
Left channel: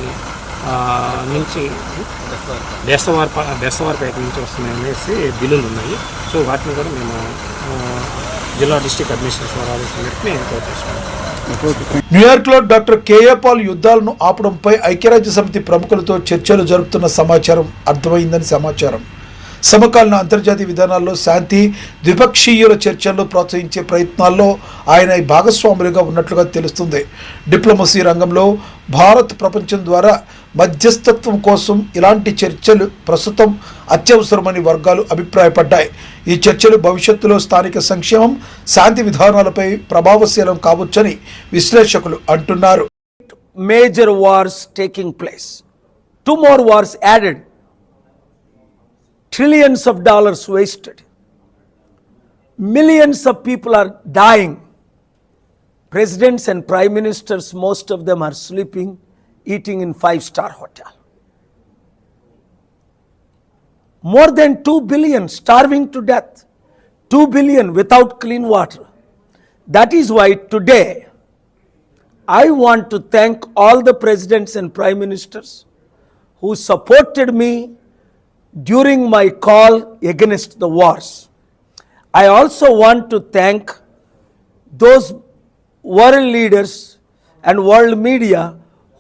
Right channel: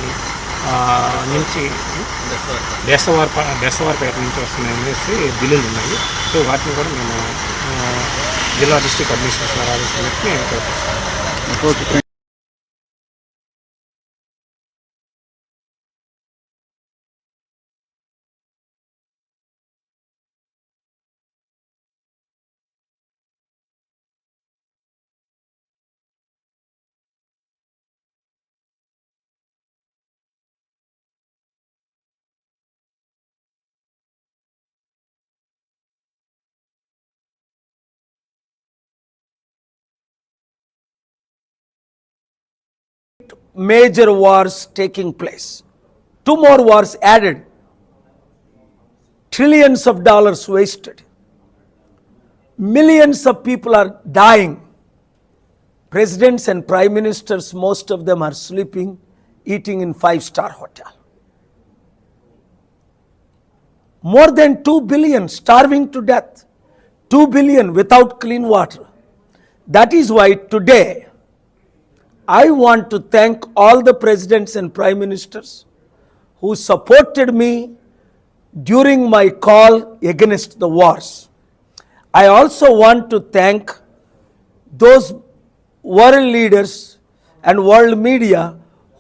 నుంచి బెస్తవారిపేట నుంచి వస్తున్నాయి అనేసి బిల్లులు ఉన్నాయి. సో వాటిని కూడా మేము జిల్లా డిస్ట్రిక్ట్ అడ్మినిస్ట్రేషన్ ఆదేశించినట్టు మేము చేస్తాము. న్యూయార్క్లో డాక్టర్ కేఏ పాల్ యుద్ధాలను ఆపడంపై ఐక్యరాజ్య సమితి ప్రముఖులతో చర్చలు జరుపుతున్న సమాచారం అర్థమైందని సమాచారం. సమకాలీన అంతర్జాతీయ విధానాల్లో శాంతి, ద్విపక్షీయుల చర్చల్లో ప్రోత్సహించే ప్రయత్నాల్లో ఆయన భాగస్వాములుగా ఉన్నట్లుగా తెలుస్తుంది. డిప్లొమసీ రంగంలో భారత్ ప్రపంచం ద్వారా మధ్యస్థత్వం కోసం ఇలాంటి చర్చలు ప్రస్తుతం అత్యవసరమని వర్గాలు అభిప్రాయపడ్డాయి. ఈ చర్చలు భవిష్యత్తులో స్థానిక సంక్షేమం, శాంతి విధానాలపై ప్రభావశీలం కావచ్చని విశ్లేషకులు అంటున్నారు. Major wars taking place. 2 more wars added. Trillions of dollars wasted. Millions of people are dying. Presidents and prime ministers, most of them are sleeping, eating in 5-star hotel. More than 2 billion starving to death. 2 billion without clean water. That is why today I want to thank all the presidents and prime ministers who supported me during my call against the wars. I also want to thank those world leaders and world media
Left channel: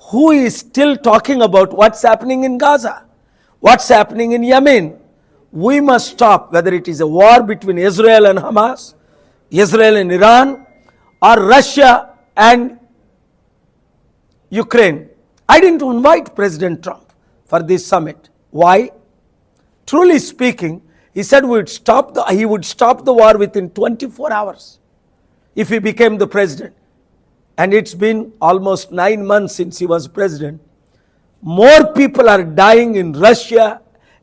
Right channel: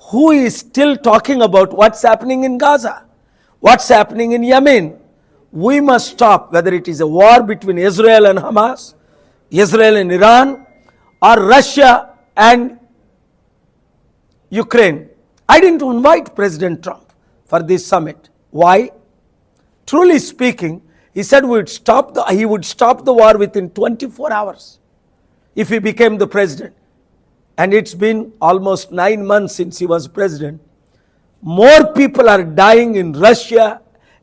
who is still talking about what's happening in Gaza, what's happening in Yemen. We must stop, whether it is a war between Israel and Hamas, Israel and Iran, or Russia and Ukraine. I didn't invite President Trump for this summit. Why? Truly speaking, he said he would stop the war within 24 hours if he became the president. And it's been almost 9 months since he was president. More people are dying in Russia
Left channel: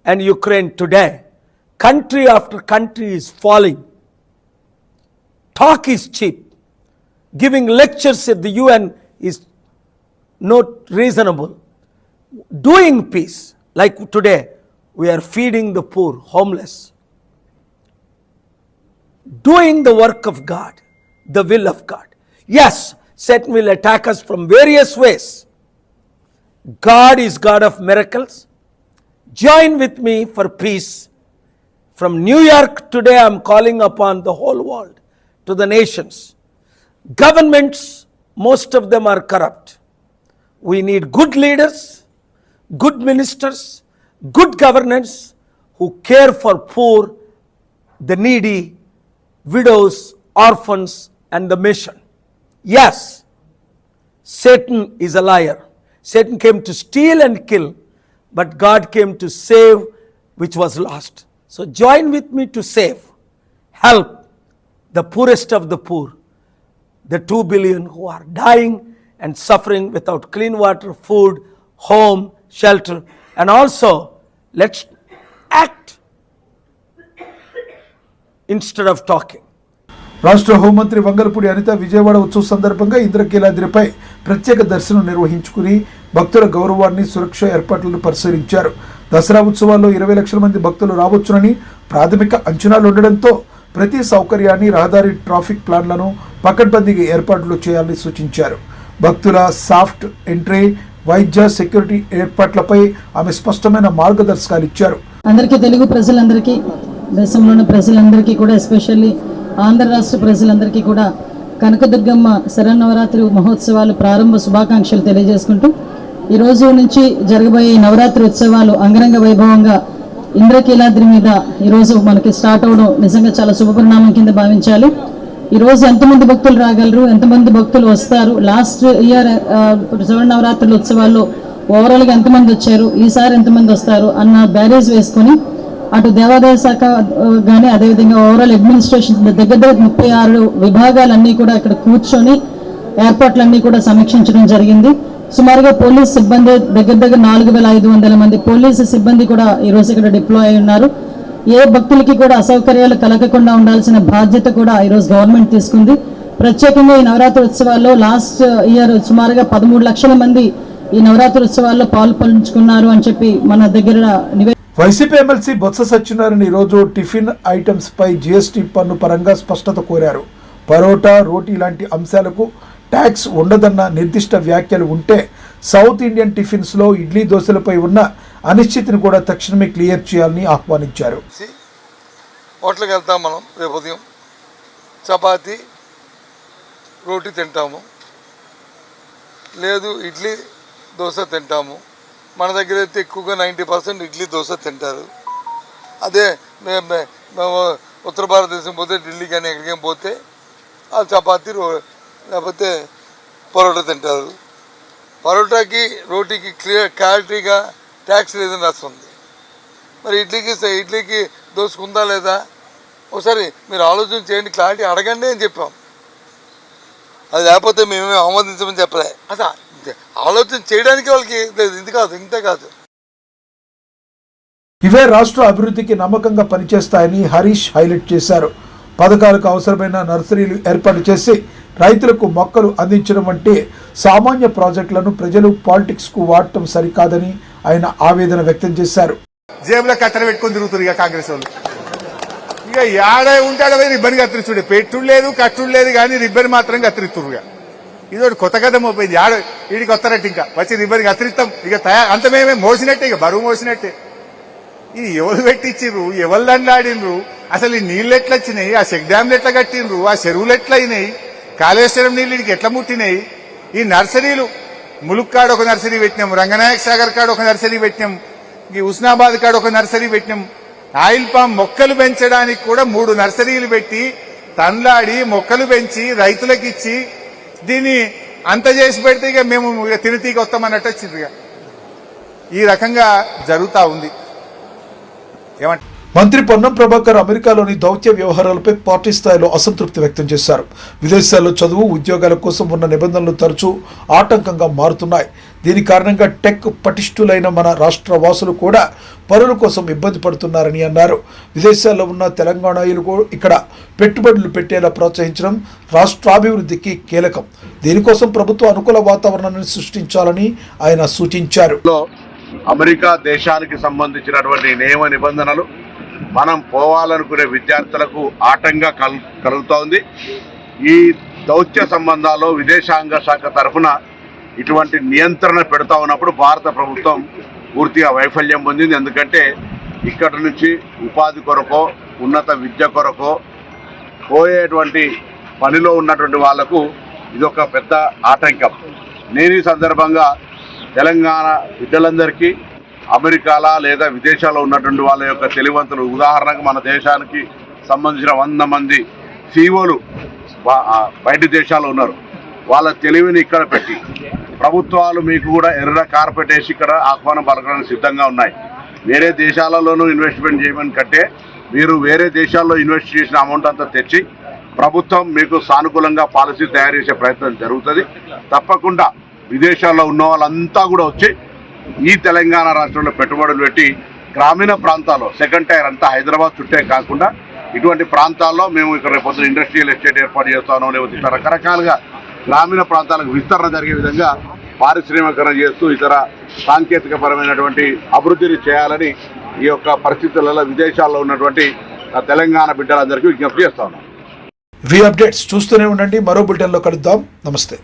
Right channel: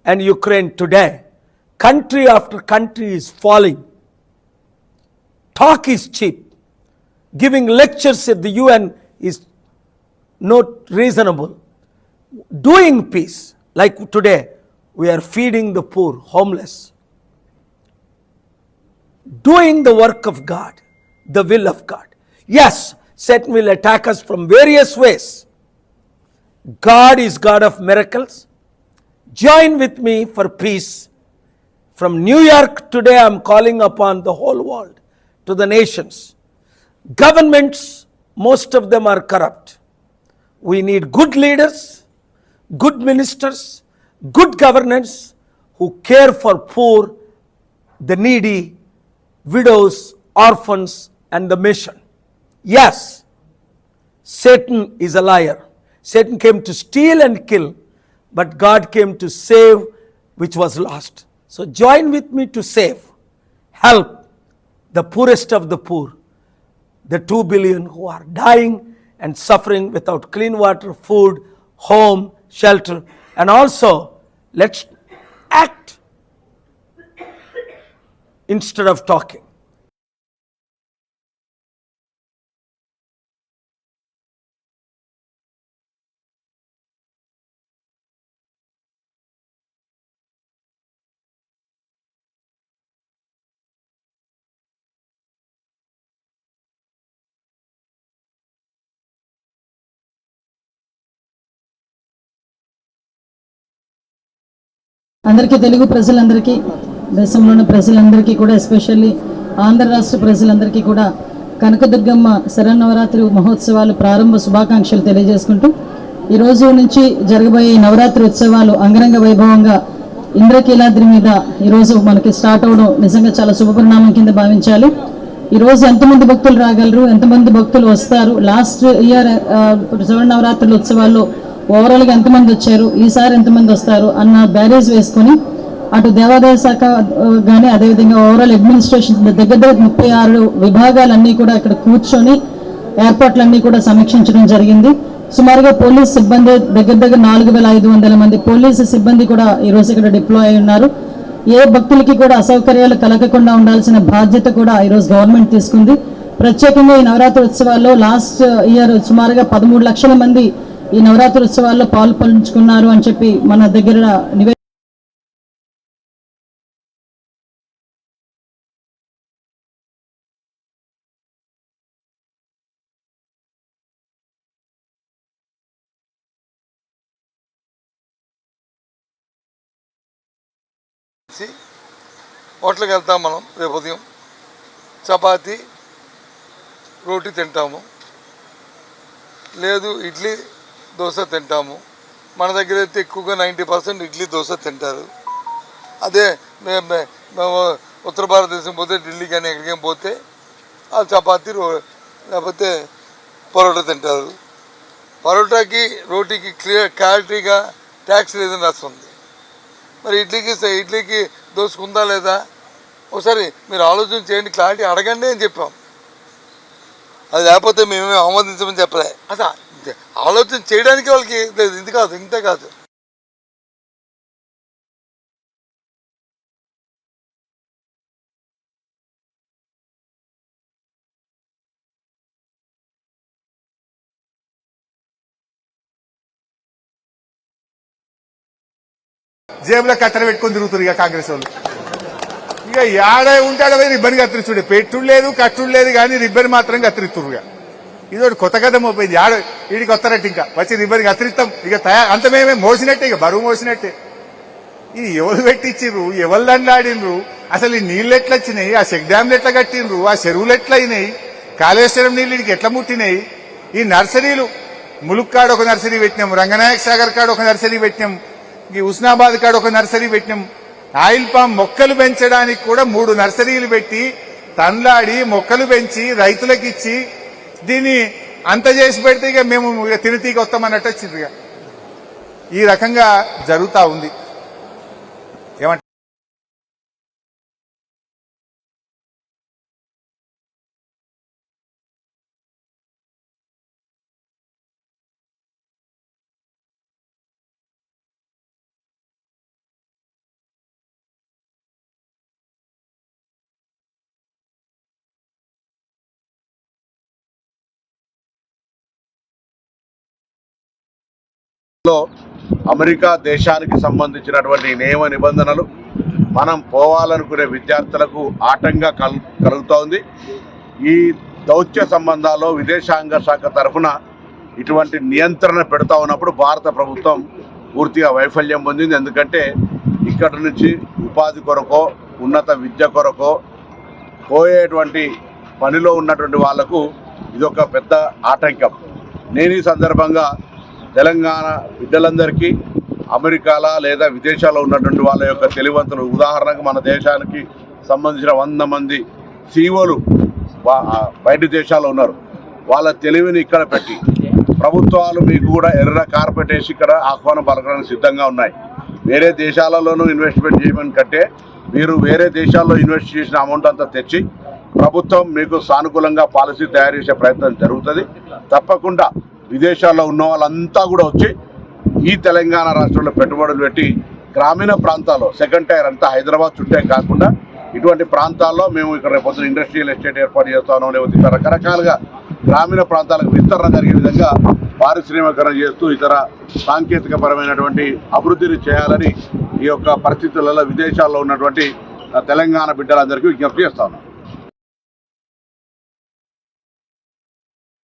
and Ukraine today. Country after country is falling. Talk is cheap. Giving lectures at the UN is not reasonable. Doing peace, like today, we are feeding the poor, homeless. Doing the work of God, the will of God. Yes, Satan will attack us from various ways. God is God of miracles. Join with me for peace. From New York today, I am calling upon the whole world, to the nations. Governments, most of them are corrupt. We need good leaders, good ministers, good governance who care for poor, the needy, widows, orphans, and the mission. Yes, Satan is a liar. Satan came to steal and kill, but God came to save which was lost. So join with me to save, help the poorest of the poor, the 2 billion who are dying and suffering without clean water, food, home, shelter. And also, let's act instead of talking. రాష్ట్ర హోంమంత్రి వంగలపూడి అనిత విజయవాడ ఉత్సవ సందర్భంగా ఇంద్రకీలాద్రిపై ప్రత్యేక దర్శనం నిర్వహించుకుని భక్తుల గౌరవాన్ని, సురక్ష ఏర్పాట్లను పరిశీలించారు. దసరా ఉత్సవాల్లో 20 లక్షల మంది భక్తులు రావచ్చునని ప్రాథమిక అంచనాలు ఉండడంతో ప్రతి సౌకర్యాన్ని, రహదారి, ట్రాఫిక్ ప్లాన్లను పకడ్బందీగా ఏర్పాట్లు చేయాలని సూచించారు. భక్తుల సాఫ్ట్ ఎంట్రీ, వైద్య, సెక్యూరిటీ ఏర్పాట్లపై ఆమె స్పష్టమైన మార్గదర్శకాలు ఇచ్చారు. అందరికీ, తెలుగు ప్రజలందరికీ, దేశంలోని ప్రజలందరికీ కూడా, ఎస్పెషల్లీ ఆంధ్ర రాష్ట్ర ప్రజలందరికీ కూడా కనకదుర్గమ్మ శరన్నవరాత్రి మహోత్సవాలు ప్రారంభ శుభాకాంక్షలు తెలియజేసుకుంటూ, ఈరోజు నుంచి జరగబోయే నవరాత్రి ఉత్సవాలు అంగరంగ వైభవంగా ఇంద్రకీలాద్రి మీద ఈరోజు మనకి స్టార్ట్ అవడం నిజంగా చాలా శుభపరిణామం కింద భావించాలి. ఈరోజు ఎంతమంది భక్తులు రాగలరు, ఎంతమంది భక్తులు వస్తారు, లాస్ట్ ఇయర్ శరన్నవరాత్రుల ఉత్సవాల్లో ఓవరాల్గా ఎంతమంది వచ్చారు, ఈసారి ఎంతమంది వస్తారు అన్న బ్యారేజ్ వేసుకొని అటు దేవాదాయ శాఖ కానీ అదేవిధంగా ఓవరాల్ అడ్మినిస్ట్రేషన్ దగ్గర 36 విభాగాలన్నీ కూడా ఇక్కడ కూర్చొని ఏర్పాట్లన్నీ కూడా సమీక్షించడం జరిగింది. సుమారుగా పోలీస్ సిబ్బంది దగ్గర 4500 మంది పోలీసు సిబ్బంది కూడా ఈరోజు ఇక్కడ డిప్లాయ్ అయి ఉన్నారు. ఏ భక్తులకి కూడా అసౌకర్యాలు కలగకుండా ఉండాల్సిన బాధ్యత కూడా ఈరోజు గవర్నమెంట్ తీసుకుంది. ప్రత్యేకంగా ఈ నవరాత్రి ఉత్సవాల్లో లాస్ట్ ఇయర్ సుమారుగా 13 లక్షల మంది ఈ నవరాత్రి ఉత్సవాల్లో పాల్పంచుకున్నారు అని చెప్పి మన దగ్గర వైసీపీ ఎమ్మెల్సీ బొత్స సత్యనారాయణ ఈరోజు టిఫిన్ ఐటమ్స్ పై జీఎస్టీ పన్ను పరంగా స్పష్టత కోరారు. పరోటా, రోటీ లాంటి అంశాలకు ట్యాక్స్ ఉండదన్న నిర్దిష్ట వ్యాఖ్యలు ఉంటే సౌత్ ఇండియన్ టిఫిన్స్లో ఇడ్లీ, దోశలపై ఉన్న అనిశ్చితిని కూడా తక్షణమే క్లియర్ చేయాలని ఆహ్వానించారు. హోటల్కి వెళ్తాం, మనం రేపు ఉదయం చపాతీ, రోటీ తింటాము, లేదు ఇడ్లీ, దోశ తింటాము. మన దగ్గర అయితే ఎక్కువగా 90% ఇడ్లీ, దోశ తింటారు. అదే మేము ఉత్తర భారతదేశం పోతే ఢిల్లీ కానీ ఎక్కడికైనా పోతే ఆ చపాతీ లేకపోతే పరోటా తింటారు. పరోటాకి రోటీకి క్లారిటీగా ట్యాక్స్ లేదని రాస్తుంది. మరి ఇడ్లీకి దోసుకుందా లేదా ఒకసారి మీరు ఆలోచన చేయండి, క్లారిటీ అడగండి అని చెప్పాం. అది లేకపోతే మేమేమి ఆమోదించమని చెప్పలే. అసలు ఆలోచన చేయడానికి వాళ్ళకి ఇంతే కాదు. ఇవే రాష్ట్ర అభివృద్ధికి నమ్మకంగా పనిచేస్తాయని హరీష్ హైలైట్ చేశారు. పథకాలకు అవసరమైన నర్సరీలు ఏర్పాటు చేసి రైతులకు మొక్కలు అందించడం వంటి సామాన్య ప్రాజెక్టులను ప్రజలు పాలిటిక్స్కు వాడటం సరికాదని ఆయన ఆవేదన వ్యక్తం చేశారు. జేబులో కట్టెలు పెట్టుకొని తిరుగుతారు ఇక కాంగ్రెస్ వాళ్ళు. ఇక యాడ ఉంటాడో రిబ్బన్ కత్తిరిస్తుడే, పెట్టుడు లేదు కట్టుడు లేదు కానీ రిబ్బన్ మాత్రం కత్తిరిస్తురు. ఇదోటి కొత్త కథ మోపోయింది. వీడికి వస్తారట్టు ఇంకా వచ్చి రిబ్బన్ కత్తిరిస్తాం ఇక అంత మేమే మోసినట్టే, ఇక బరువు మోసినట్టే. ఇది ఎవరు పెట్టించిర్రు, ఎవరు దండాడినరు, అసలు ఈ నీళ్ళు ఎట్లా వచ్చినాయి, ఆ చెక్ డ్యామ్లు ఎట్లా కట్టినరు, ఆ చెరువులు ఎట్లా అయినాయి, కాళేశ్వరం నీళ్ళు ఇడికి ఎట్లా ముట్టినాయి, ఈ నర్సరీలు ములుక్ కాడ ఒక నర్సరీ పెట్టినాం, రంగనాయక్ సాగర్ కాడ ఒక నర్సరీ పెట్టినాం, ఈ హుస్నాబాద్ కాడ ఒక నర్సరీ పెట్టినాం. ఆయిల్ పామ్ మొక్కలు పెంచడానికి కూడా 3 నర్సరీలు పెట్టి తండ్లాడి మొక్కలు పెంచి రైతులకు ఇచ్చి దీన్ని అంత చేసి పెడితే ఇక మేము తిరిగి వస్తామన్నట్టు వచ్చింది. ఈ రకంగా జరుగుతూ ఉంది. ఏమంటే మంత్రి పొన్నం ప్రభాకర్ అమెరికాలోని దౌత్య వ్యవహారాలపై పార్టీ స్థాయిలో అసంతృప్తి వ్యక్తం చేశారు. విదేశాల్లో చదువు ఉద్యోగాల కోసం ఉన్న నిబంధనలు తరచూ ఆటంకంగా మారుతున్నాయి. దీని కారణంగా టెక్ పటిష్ఠులైన మన రాష్ట్ర వాసులు కూడా పనుల కోసం ఇబ్బంది పడుతున్నారని అన్నారు. విదేశాల్లో ఉన్న తెలంగాణీయులు ఇక్కడ పెట్టుబడులు పెట్టేలా ప్రోత్సహించడం రాష్ట్రాభివృద్ధికి కీలకం. దీనికోసం ప్రభుత్వ అనుకూల వాతావరణాన్ని సృష్టించాలని ఆయన సూచించారు. అమెరికా దేశానికి సంబంధించినటువంటి నియమ నిబంధనలు మనం పోవాలనుకునే విద్యార్థులకు ఆటంగా కలుగుతోంది. ఈ దౌత్య సంబంధాల్లో విదేశాంగ శాఖ తరఫున ఇటువంటి నియంత్రణ పెడతా ఉన్నప్పుడు భారత ప్రభుత్వం పూర్తిగా వైఫల్యం పొందింది. ఎందుకంటే ఇక్కడ నుంచి ఉపాధి కొరకో ఉన్నత విద్య కొరకో పోయేటువంటి పనిలో ఉన్నటువంటి వాళ్లకు ఇదొక పెద్ద ఆటంకం. నేను ఈ సందర్భంగా తెలంగాణ బిడ్డలందరికీ అమెరికాలో లేదా విదేశాల్లో ఉన్నటువంటి వాళ్ళ యొక్క తెలివంతులు, ఉదాహరణకు మన దేశానికి సంబంధించిన 100 మంది సీఓలు బయట దేశాల్లో ఉన్నారు. వాళ్ళ తెలివిని ఇక్కడ పెట్టి ప్రభుత్వాలు మీకు కూడా ఎర్ర కార్పెట్ వేసి ఇక్కడ ఆహ్వానం పలకడానికి సిద్ధంగా ఉన్నాయి. వేరే దేశాలలోనూ ఇన్వెస్ట్మెంట్ చేయమని కంటే మీరు వేరే దేశాల్లో ఇన్వెస్ట్ చేసిన అమౌంట్ అంతా తెచ్చి ప్రభుత్వం మీకు సానుకూలంగా పాలసీ తయారు చేసే ప్రయత్నం జరుగుతుంది. తప్పకుండా విదేశాల్లో ఉన్న వాళ్ళంతా కూడా వచ్చి ఈ తెలంగాణ రాష్ట్రంలో పెట్టుబడులు పెట్టి గ్రామీణ ప్రాంతాల్లో సెకండ్ టైర్ అంతా హైదరాబాద్ చుట్టే కాకుండా ఇటువంటి ప్రాంతాల్లో మేము ఇక్కడ రేపొద్దున ఇండస్ట్రియల్ ఎస్టేట్ ఏర్పాటు చేస్తానో లేకపోతే ఇతర రకరకాలుగా గ్రామీణ ప్రాంతాలకు విస్తరణ జరిగే విధంగా పారిశ్రామికరణ చేస్తూ ఇతర సాంకేతిక పరమైనటువంటి అభివృద్ధిని చేయాలని ఈ యొక్క పరిస్థితులలో విదేశాల్లో ఉన్నటువంటి తెలంగాణ బిడ్డలందరికీ విజ్ఞప్తి చేస్తా ఉన్నాం. అప్డేట్స్ చూస్తూనే ఉండండి. మరో బులెటిన్లో కలుద్దాం. నమస్తే.